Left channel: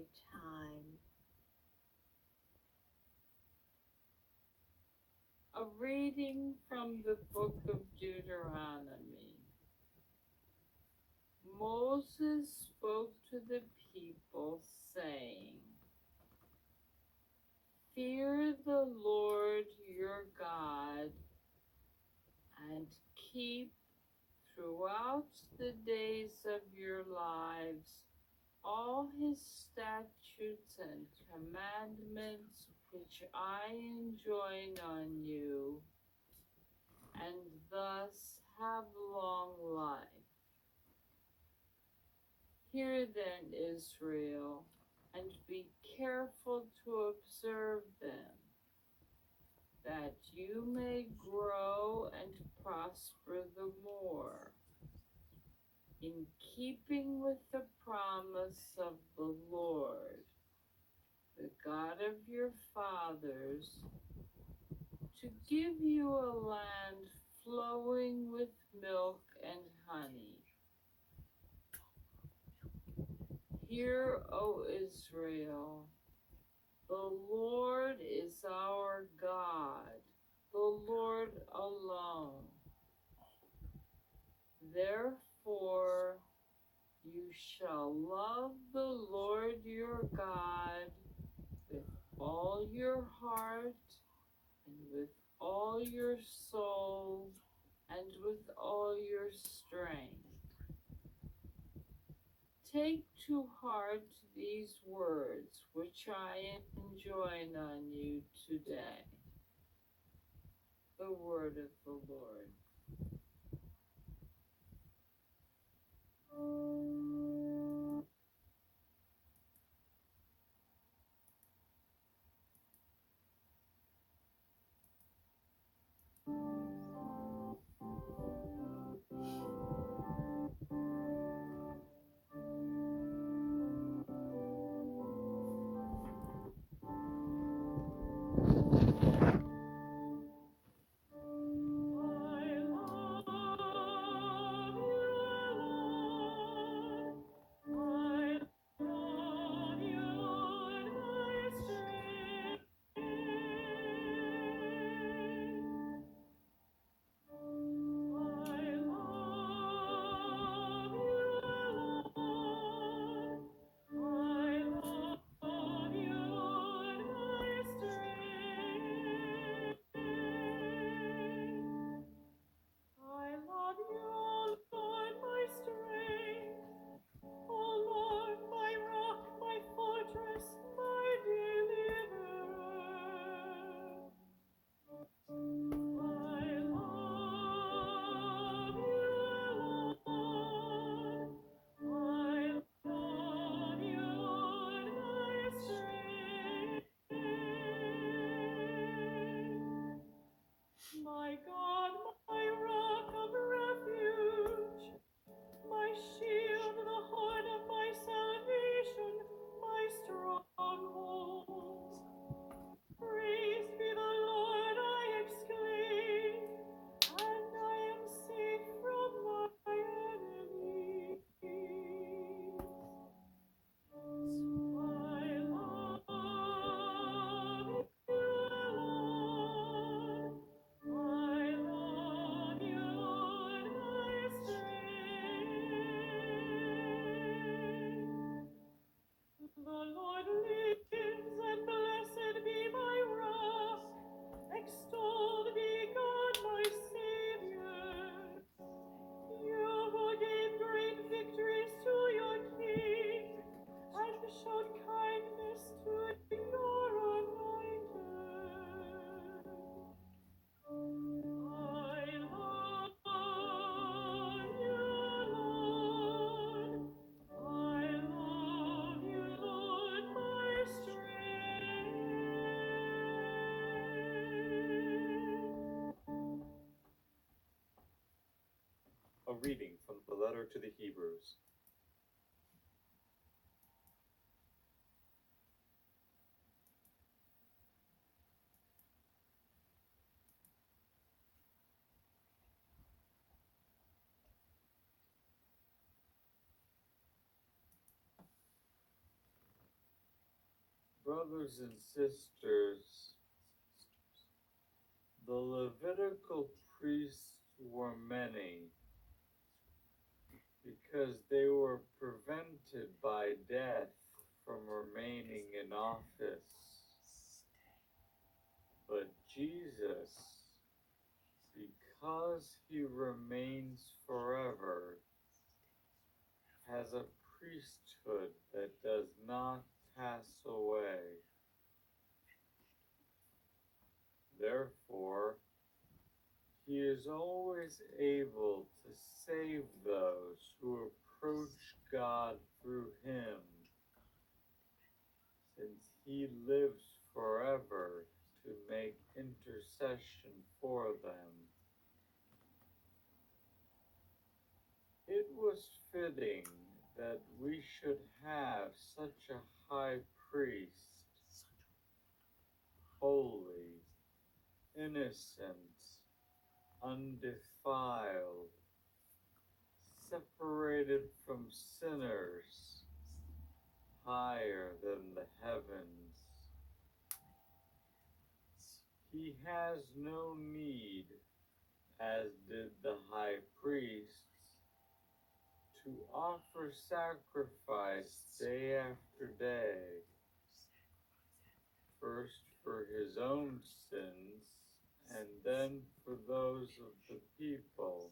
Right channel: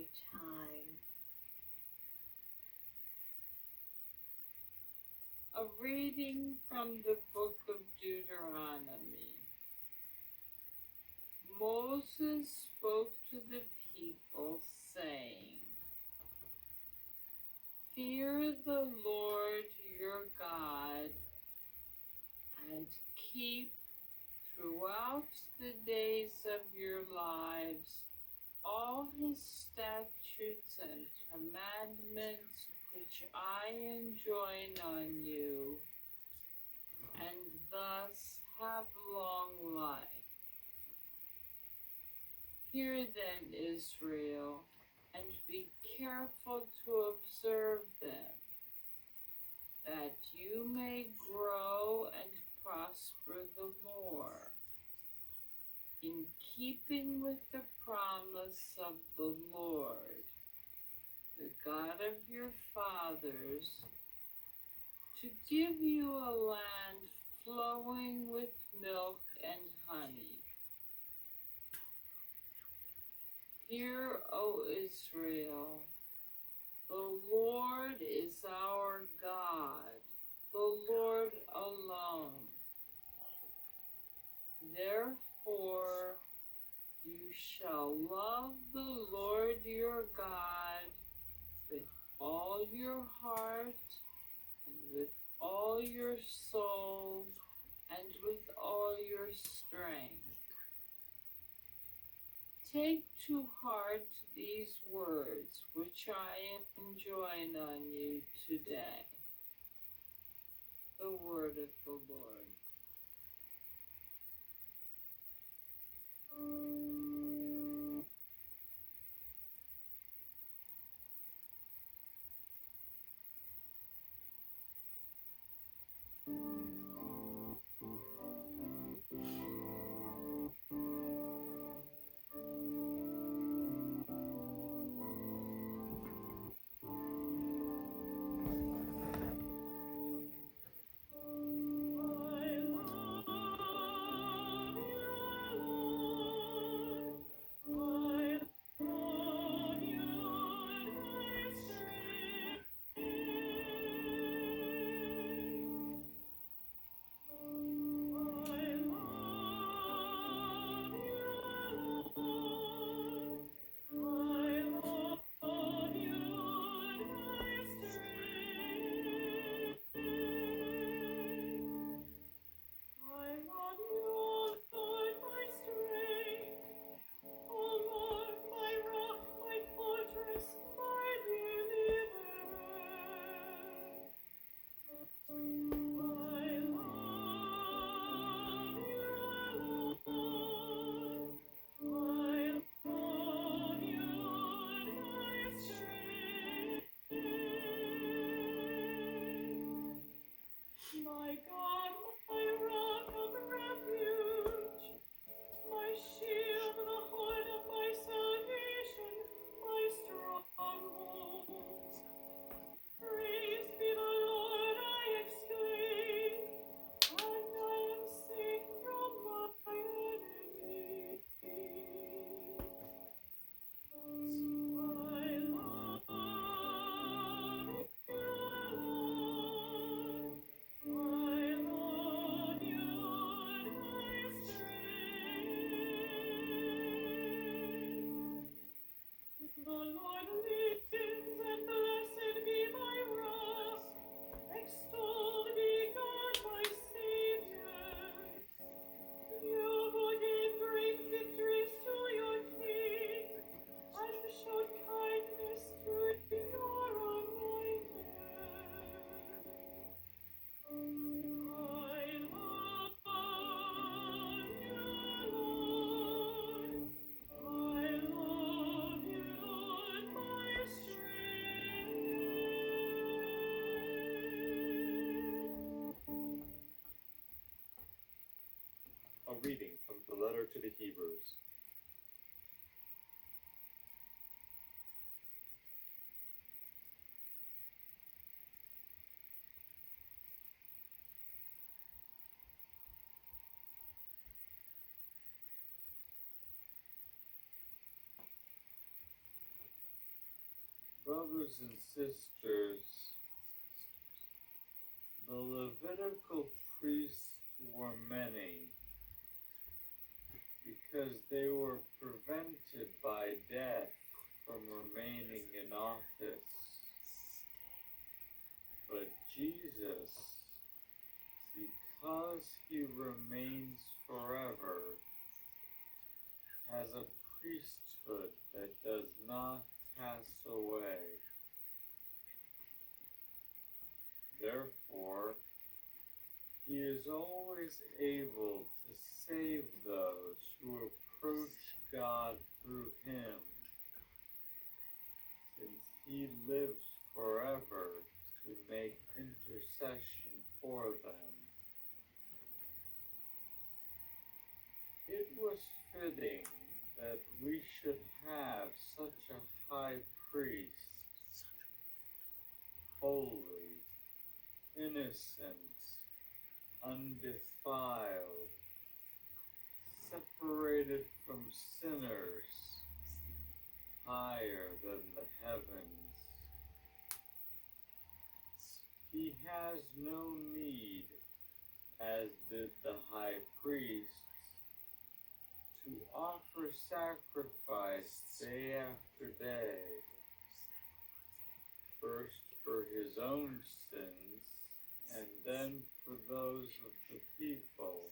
ordinary time. A reading from the book of Deuteronomy. Moses spoke to the people, saying, "Fear the Lord your God, and keep throughout the days of your lives all his statutes and commandments which I enjoin on you, and thus have long life. Hear then, Israel, and be careful to observe them, that you may grow and prosper the more, in keeping with the promise of the Lord, the God of your fathers, to give you a land flowing with milk and honey. Hear, O Israel, the Lord is our God, the Lord alone. Therefore, you shall love the Lord your God with all your heart, and with all your soul, and with all your strength. Take to heart these words which I enjoin on you today." The word of the Lord. A reading from the letter to the Hebrews. brothers and sisters, the Levitical priests were many because they were prevented by death from remaining in office. But Jesus, because he remains forever, has a priesthood that does not pass away. Therefore, he is always able to save those who approach God through him, since he lives forever to make intercession for them. It was fitting that we should have such a high priest, holy, innocent, undefiled, separated from sinners, higher than the heavens. He has no need, as did the high priests, to offer sacrifice day after day, first for his own sins and then for those of the people.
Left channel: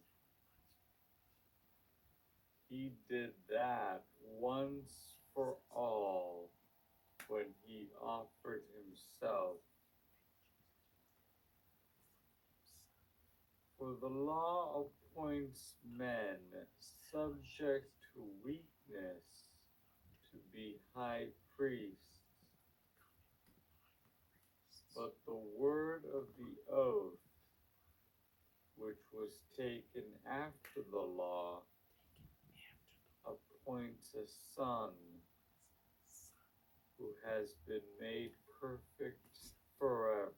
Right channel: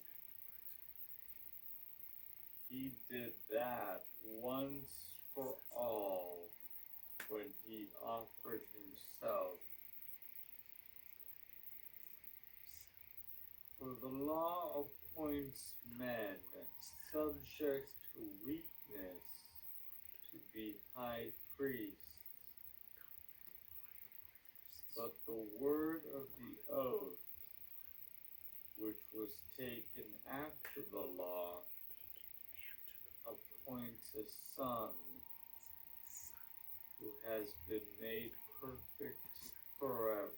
He did that once for all when he offered himself. For the law appoints men subject to weakness to be high priests, but the word of the oath, which was taken after the law, appoints a son who has been made perfect forever.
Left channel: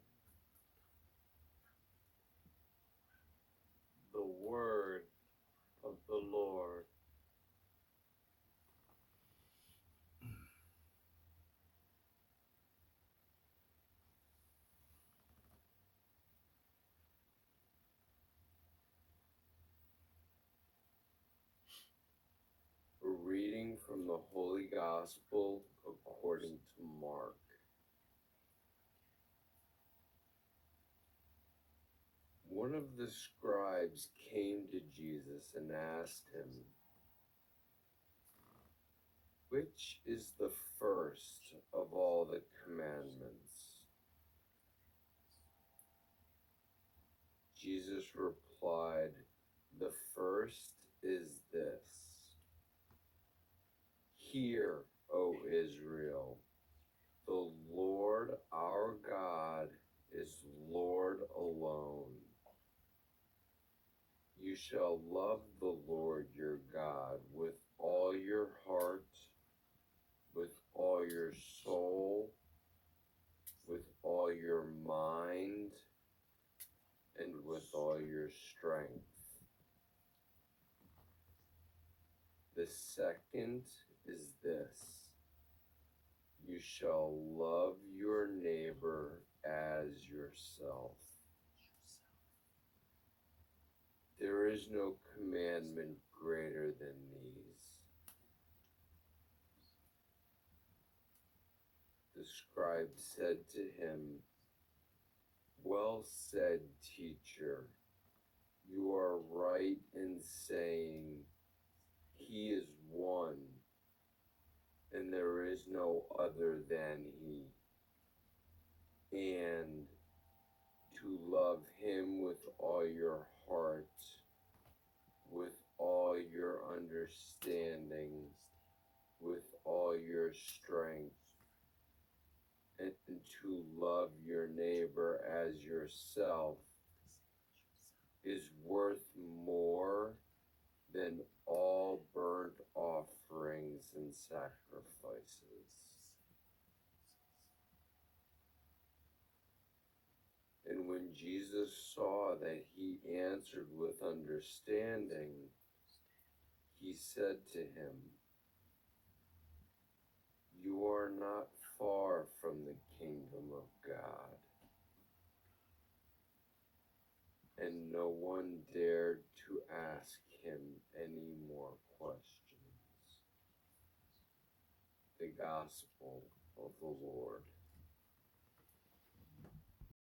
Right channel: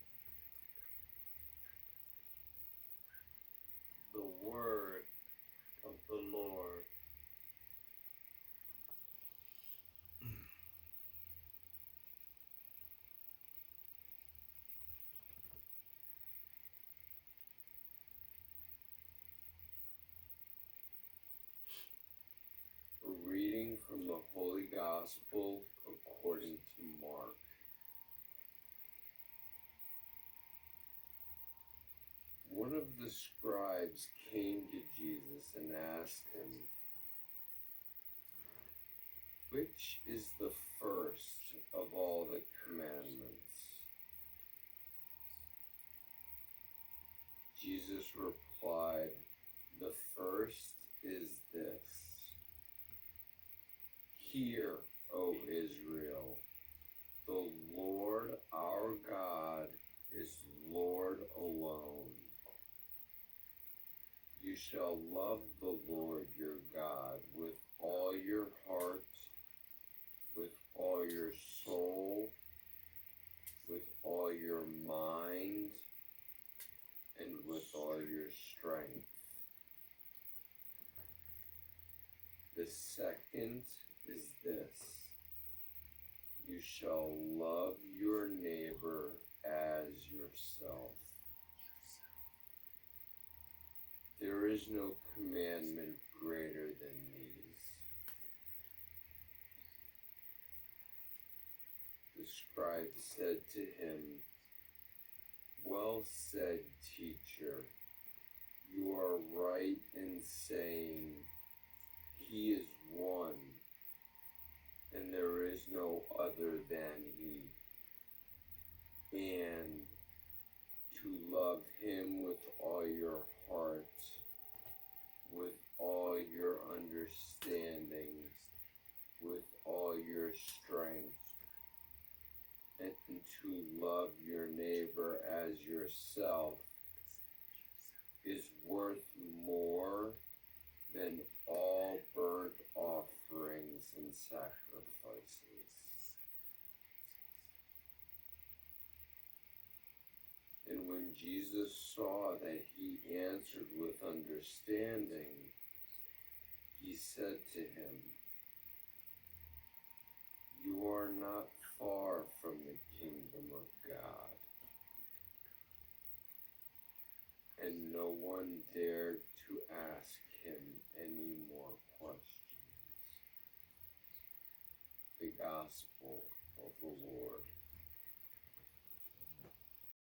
The word of the Lord. A reading from the Holy Gospel according to Mark. One of the scribes came to Jesus and asked him, "Which is the first of all the commandments?" Jesus replied, "The first is this: Hear, O Israel, the Lord our God is Lord alone. You shall love the Lord your God with all your heart, with all your soul, with all your mind, and with all your strength. The second is this: you shall love your neighbor as yourself. There is no commandment greater than these." The scribe said to him, "Well said, teacher. You are right in saying, He is one, and there is no other than He. And to love Him with all your heart, with all your understanding, with all your strength, and to love your neighbor as yourself is worth more than all burnt offerings and sacrifices." And when Jesus saw that he answered with understanding, he said to him, "You are not far from gospel of the Lord.